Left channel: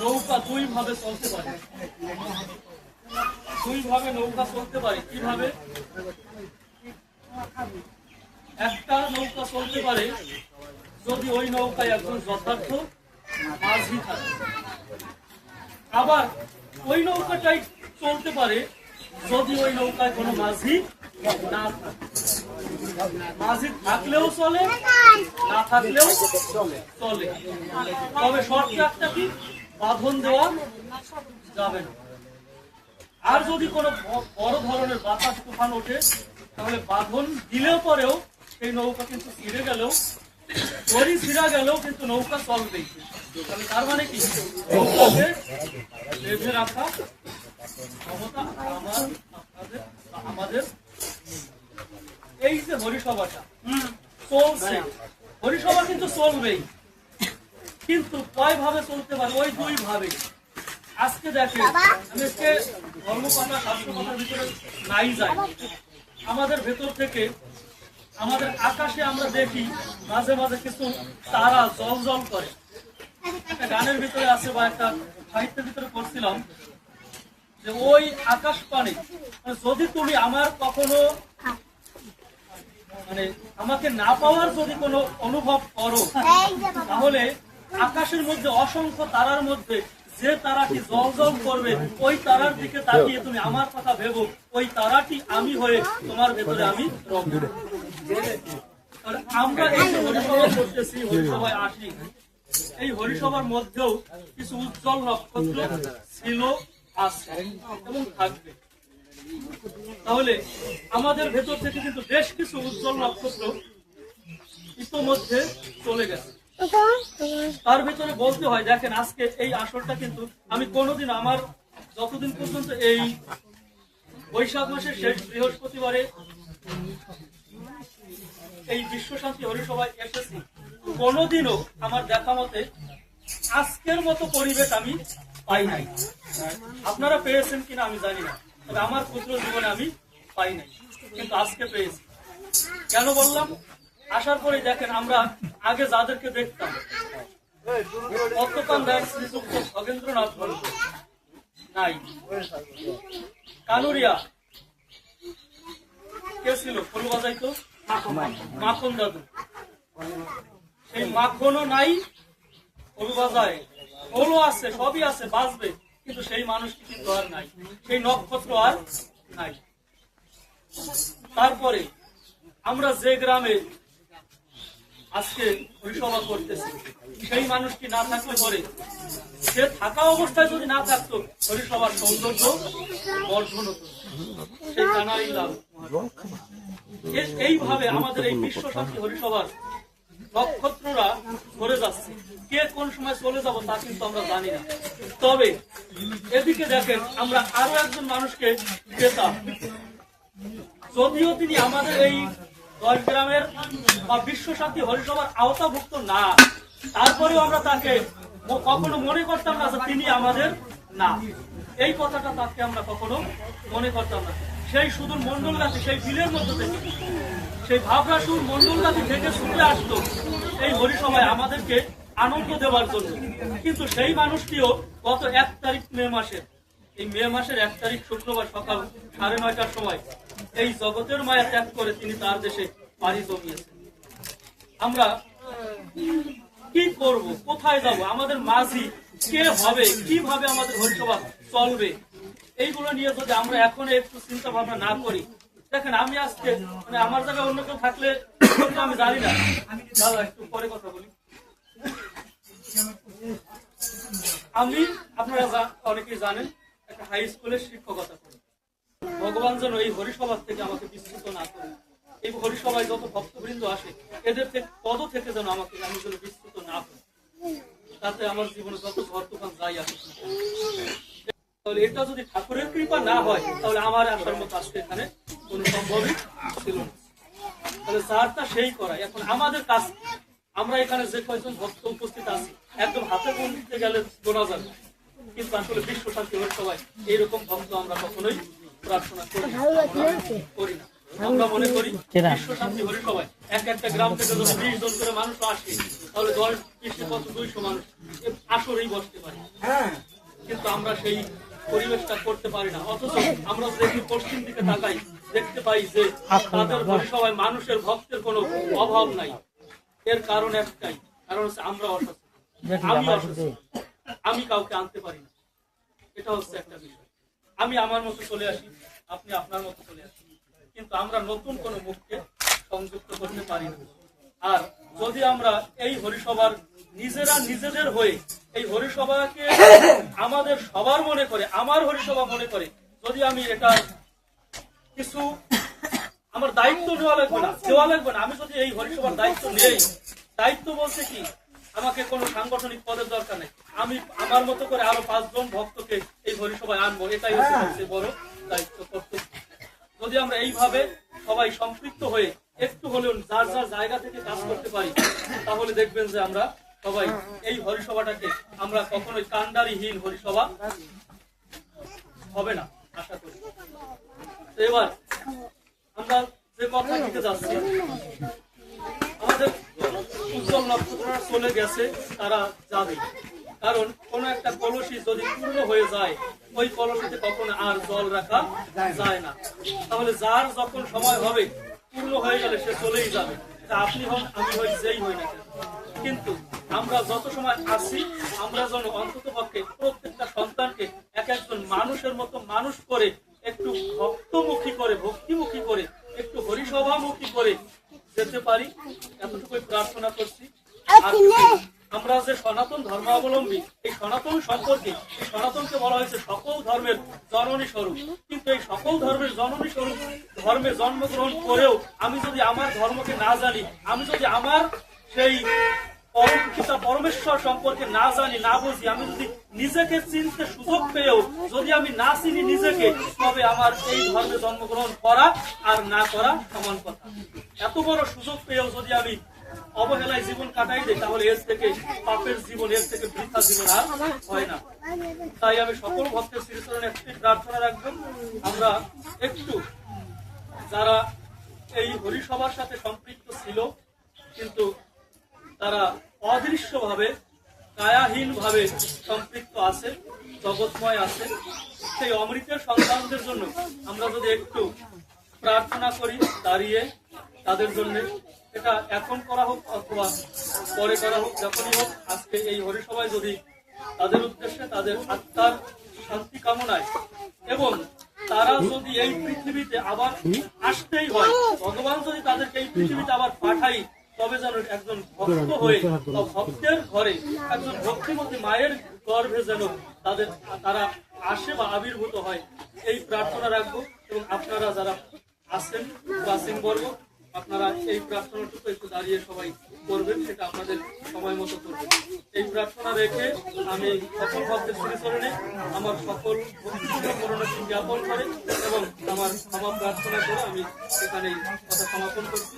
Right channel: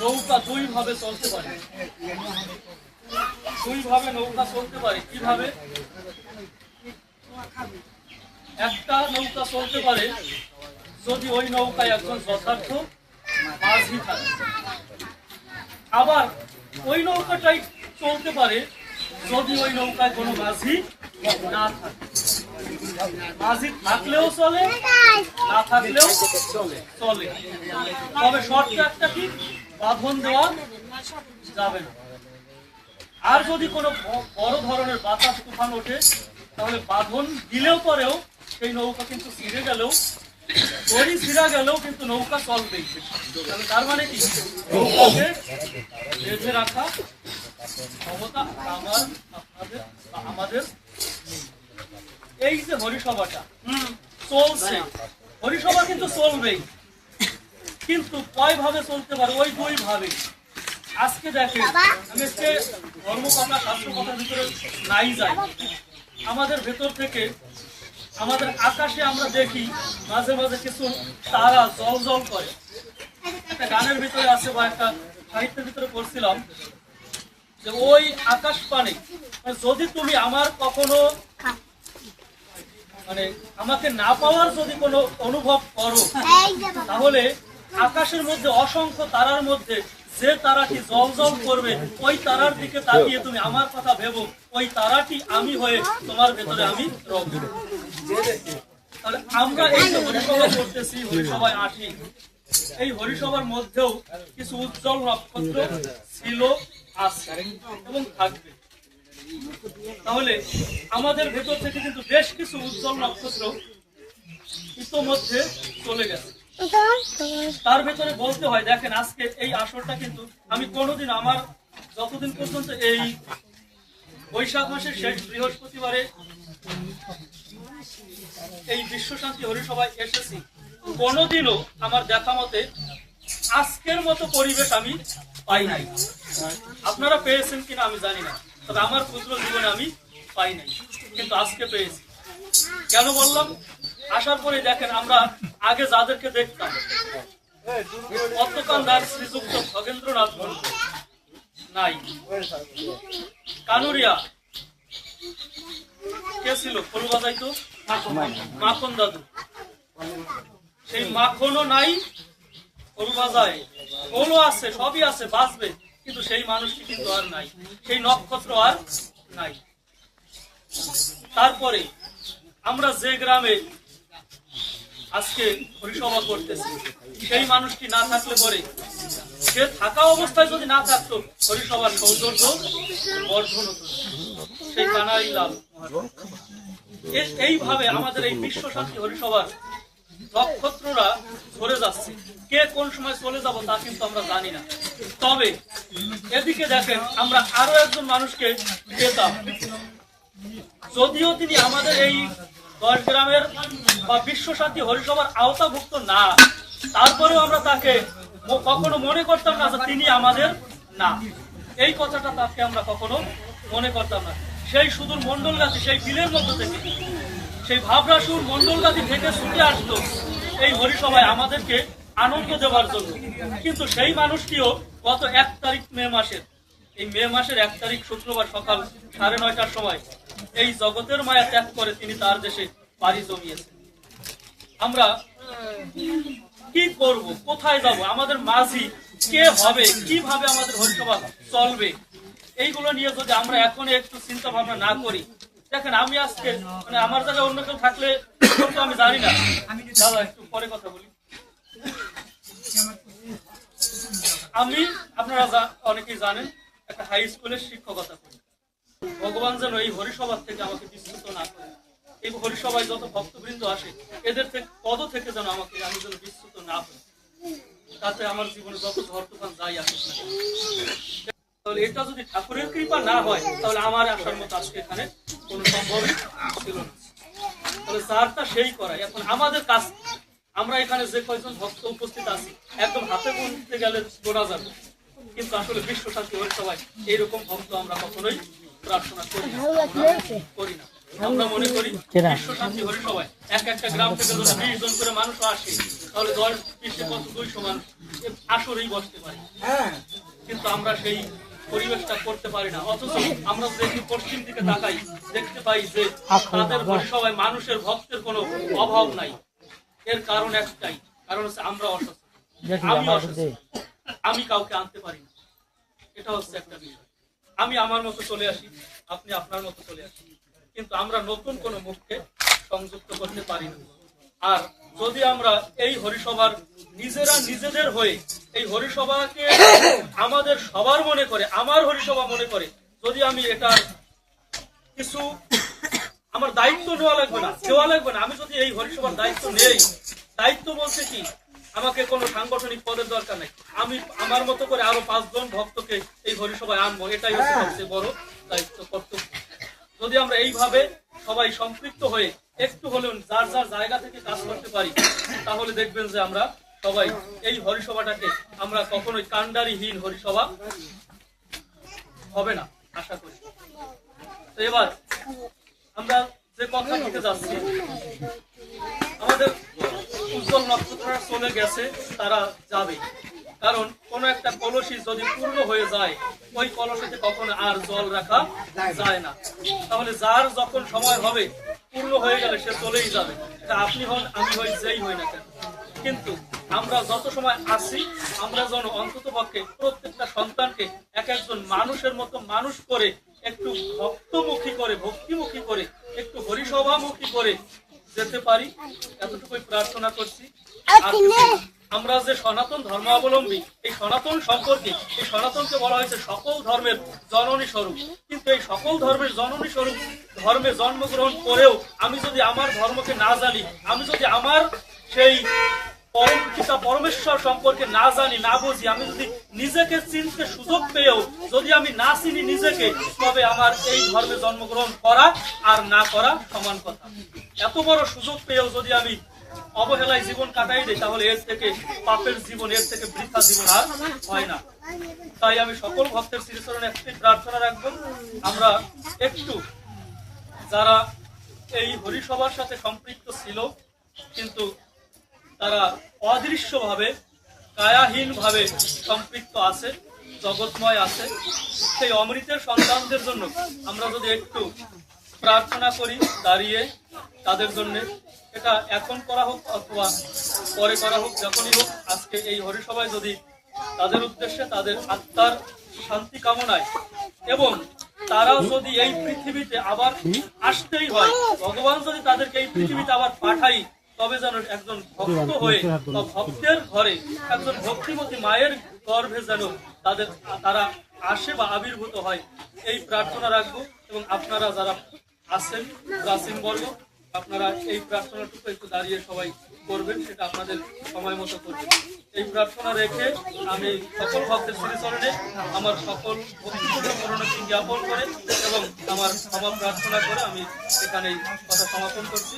নৌকা দুই ভাবে চলতে পারে, দুই ভাবে নৌকা চলতে পারে। কিভাবে? একটা নৌকা চলতে পারে যদি ওই নৌকায় একজন যথার্থ মাঝি থাকে, আবার ওই নৌকাটাই চলতে পারে যদি ওই নৌকায় কোনো মাঝি না থাকে। মাঝি থাকলেও চলে, না থাকলেও চলে, তবে শর্ত একটা কি, বাঁধন দেওয়া যাবে না। আর যদি কোনো বড় ধরনের বাতাস তুফান ওঠে তাহলে বাঁধন দিলেও পরেও সেই নৌকা কিন্তু ছিঁড়ে গেলেও, দড়ি ছিঁড়া গেলেও কিন্তু নৌকা চলবেই। তাহলে তার মানে কি, নৌকাকে বেঁধে রাখা ক্ষমতা আমাদের। এই যে হরিসভাটা চলছে, হরিসভা কিন্তু চলবেই, কিন্তু কয় ভাবে চলতে পারে? ওই দুই ভাবে। আজকে দেখেন, আমি আজকে ধর্মকথা শাস্ত্র কথার ভিতরে নাই যাই, আমাদের ভেতর থেকে আমাদের আকাশে আমরা দেখি মাঝে মাঝে কিছু তারা জল জল করে। একটা গানের ভিতরে আছে বা একটা সাহিত্যের ভিতরে পড়ছিলাম যে ওই আকাশ পানে যদি তুমি আমার কখনো আমাকে না পাওয়ার যদি কোনো অনুভব করো, তাহলে আকাশের মধ্যে অসংখ্য তারার মধ্যে যে তারাটি জল জল করবে ওই তারার দিকে তাকিয়ে তুমি আমার কথা ভেবো, ওই তারাটি আমি হয়ে তোমার ভেতরে আমি রব। তাহলে আমরা এই যে হরিসভা করতেছি, হরিসভায় আসি, এই হরিসভার মধ্যেও কিছু উজ্জ্বল নক্ষত্র ছিল, আছে এবং থাকবে। তাহলে আমাদের ভেতর থেকে কিন্তু বেশ কিছু উজ্জ্বল নক্ষত্র ইতোমধ্যে চলে গেছে। তার ভেতরে বলতে হয়, দেখেন আজকে এই আসরটা কিন্তু আমি কোনোদিন আমার যতদিন পর্যন্ত এই বৈশাখ মাসের শেষ বৃহস্পতিবারে এই বিশ্ব শান্তি হরিসভায় এসেছি, কোনোদিনও আমার দেখা মতে আজকের মতো পরিবেশ আমি পাই নাই। আপনারা পেয়েছেন কিনা আমি জানি না, তবে আমার ক্ষুদ্র জীবনে আমি পাই নাই, কিন্তু আজকে পেয়েছি। কেন বললাম? আসার পরে দেখেন আমরা আগে যাদেরকে দেখতাম, পদ্মকান্দার শ্রীযুক্ত খগেন্দ্রনাথ মন্ডল নাই, কানুরিয়া কে ছিল, খোল বাজাইতো মাখন দাদু, সেই মাখনও নাই, খোল বাজায়, খোলও আছে, সবই আছে, বাজবে, কিন্তু সেই মানুষটি কিন্তু আর নাই, সেই নক্ষত্র আর নাই। তারপরে আমরা যে গ্রামে আজকে হরিসভা করতেছি, সেই মানুষটি না থাকলে পরে, সে থাকা অবস্থায় যদি না থাকতো, হরিসভার সৌন্দর্য বর্ধন হতো। সেই কানাই লাল এইভাবে আমাদের এই বিশ্ব শান্তি হরিসভার নক্ষত্ররা ঝরে যাচ্ছে। কে কোন সময় চলে যাব তা কিন্তু আমরা জানি না। তবে এদিকে দেখেন, আমরা আরো একজন মানুষকে পেতাম, যদিও তিনি আমাদের এই 10 গ্রামের বা বিশ্ব শান্তি হরিসভার আওতাভুক্ত না, তারপরেও আমরা তাকে কখনো মনে করতাম না যে তিনি আমাদের না। এই কথাটা তাকে আমরা কখনো মনে করতাম না। সেই সুদূর মন্ডলগাতি, সেই বিলের মধ্য থেকে, সেই ভাবরাসুর মন্ডলগাতি থেকে ছুটে আসতো এই হরিসভায় আমাদেরকে আনন্দ দেওয়ার জন্য। কিন্তু সেই মানুষটিও গত 1 তারিখ মে মাসের, এই মে মাসের 1 তারিখ শুক্রবার সকাল 9:30টার সময় এই জগতের মায়া ত্যাগ করে তিনি তার দেশে পাড়ি জমিয়েছেন। আমরা কি করব, কোথায় যাব, আমাদের মাঝি কে হবে, কিভাবে আমাদের হরিসভা চলবে, এইগুলো নিয়ে যদি আমরা এখন একটু চিন্তা ভাবনা না করি, দেখেন আমি আজকে আমার জায়গায় অন্য কেউ থাকলে আমি জানি না, দাদা একটু পরে কথা বলি। আমি, আপনারা অনেকেই জানেন, একটা হাই স্কুলের শিক্ষকতা করি। ভগবান যেন এই হরিসভা থেকে আমাকে বিচ্যুত না করে, এই হরিসভায় যত ভক্তবৃন্দ আসে এদের থেকে পদ থেকে যেন আমি যেন বিচ্যুত না হই, তাতে আমার জীবনে যত ঝড় তুফান যাই আসুক না। তাহলে এটা যদি ঠাকুরের কৃপা না হয়, তাহলে আমার আসার মতো আজকে এখানে কোনো সম্ভবই ছিল না। তাহলে যারটা সেই করাই। এখন আমাদের কাজ, আমরা এখানে যে কয়েকজন ভক্ত উপস্থিত আছি, একদম হাতে গুনতে গেলে গোনা যাবে, কিন্তু আসলে বিশ্ব শান্তি হরিসভায় এইরকম ভক্ত আমরা কখনোই প্রার্থনা করি না। আমরা মনে করি বিশ্ব শান্তি হরিসভায় একটা গ্রাম থেকে যদি 20 জন করে মানুষ আসে, তাহলে 10-20 কত 200 মানুষ আসরেই বসতে পারে। কিন্তু আমরা সেই পরিবেশটা করতে পারি না। অথচ আমরা যদি পশ্চিম দিকে তাকাই, দেখতে পাই যে তাদের হরিসভায় মানুষের ভক্তের কোনো অভাব নাই। এর কারণ একটাই, কারণ হচ্ছে আমরা অসচেতন। আমি অসচেতন, আমি কাউকে আনতে পারি না। এটা হচ্ছে একটা বিষয়। আমি আমার মতো চলে আসি, আপনি আপনার মতো চলে আসেন, কিন্তু আমরা নতুন কোনো মুখকে সংযুক্ত করতে পারি না। আর যদি আমরা এই হরিসভার নিজেরা নিজেদের হয়ে এই হরিসভাকে আমাদের সবার মনে করে, আমার হরিসভা মনে করে, যদি আমি এটার কিছু আমার দায়িত্ব দেওয়া লাগবে না, আমি যদি এই হরিসভার দায়িত্ব নেই, দায়িত্ব বলতে কি, আমাকে কোনো সাংগঠনিক পদের দরকার নেই, আমি আমার মতো করে আরো 5 জন ভক্তকে এই হরিসভায় আনবো, এটাই হচ্ছে সবচেয়ে বড় দায়িত্ব, কর্তব্য। যদি আমরা এইভাবে সবাই সম্পৃক্ত হয়ে একটু হলেও যার যার জায়গা থেকে কাজ করতে পারি, তাহলে দেখবেন যে আমরা সবাই এই হরিসভাটাকে আমরা কখনোই কান্ডারিহীন হরিসভা হবে না, আশা করি। তো এবার আমরা যে কথা দিতে যাচ্ছি, আমাদের উজ্জ্বল নক্ষত্ররা চলে গেছে, তারা যাবে। কারণ কোন একটা কলসি যদি পূর্ণ হয়ে যায়, ওই কলসিতে কখনো আর জল রাখা যায় না। তাহলে যার যখন সময় হবে, পূর্ণ হয়ে গেলে সে চলেই যাবে, সেটা আপনি হন, আমি হই, যেই হই না কেন। কিন্তু আমরা যত সময় আছি, আমরা যেন অন্তত পক্ষে প্রত্যেকটা সন্তানকে এক একজন মানুষের মতো মানুষ করে, একটু ভক্তমুখী করে, ভক্তিমুখী করে, একটু হরিসভামুখী করে যেতে পারি, এতটুকুই প্রার্থনা করছি। আর আমরা যে সনাতন ধর্মাবলম্বী, এই সনাতন সম্পর্কে, এই সনাতনকে বলা হয়েছে সকল ধর্মের জননী স্বরূপ। কিন্তু এই সকল ধর্মের জননী স্বরূপ ধর্মে জন্মগ্রহণ করেও আমি যদি আমার ধর্মকে না জানি, আমি যদি আমার সেই পরম পিতা পরমেশ্বর সম্পর্কে না জানি, না বুঝি, আমি যদি নিজেকে চিনতে সুযোগ পেয়েও যদি আমি না চিনি নিজেকে, তবে আমার এই ধর্মে জন্মগ্রহণ করা আর না করা সমান কথা। এত বড় সুযোগ পেয়েও যদি আমি অবহেলায় জীবন কাটাই দেয়, তাহলে এর থেকে পাপের জীবন, এর থেকে বৃথা জীবন আর হয় না। তাই আমি সকল ভক্তের শ্রীচরণে একটি প্রার্থনা রাখবো, আমরা একটু যারা এই হরিসভার সাথে সম্পৃক্ত ছিল, কিন্তু তারা অদৃশ্যভাবে, কায়াহীনভাবে সম্পৃক্ত আছে, জগৎময় আছে, সেই অমৃতের সন্তানদের জন্য আমরা যদি একটু প্রার্থনা করি দাঁড়িয়ে তাদের জন্য, এটা এখন করা হোক অথবা পরে করা হোক, যখনই হোক, আজকে এই হরিসভায় যদি তাদের উদ্দেশ্যে, তাদের আত্মার শান্তি কামনায়, এবং তারা যদি এই পৃথিবীতে আবার আসতেই হয়, ভগবান যদি তাদেরকে এই পৃথিবীতে আবার পাঠাই, তবে যেন একজন ভক্ত হয়ে বা ভক্তের ঘরে একজন ভক্তিমতী মায়ের গর্ভে যেন তারা আসে বা আবির্ভূত হয়, এই প্রার্থনা রাখবো। এবং আপনারা যারা আছেন প্রাচীন বর্গ, আপনারা এই প্রার্থনাটুকু একটু দাঁড়িয়ে সবাই করবেন, সেটা আপনাদের সময় মতো করবেন। এই প্রার্থনা রেখে আমি সকল ভক্তের শ্রীচরণে আমার সকল ভক্তিপূর্ণ করুণাকে জ্ঞাপন করে এবং আমার ক্ষমা প্রার্থনা করে আমি এখানে কথা সমাপন করছি।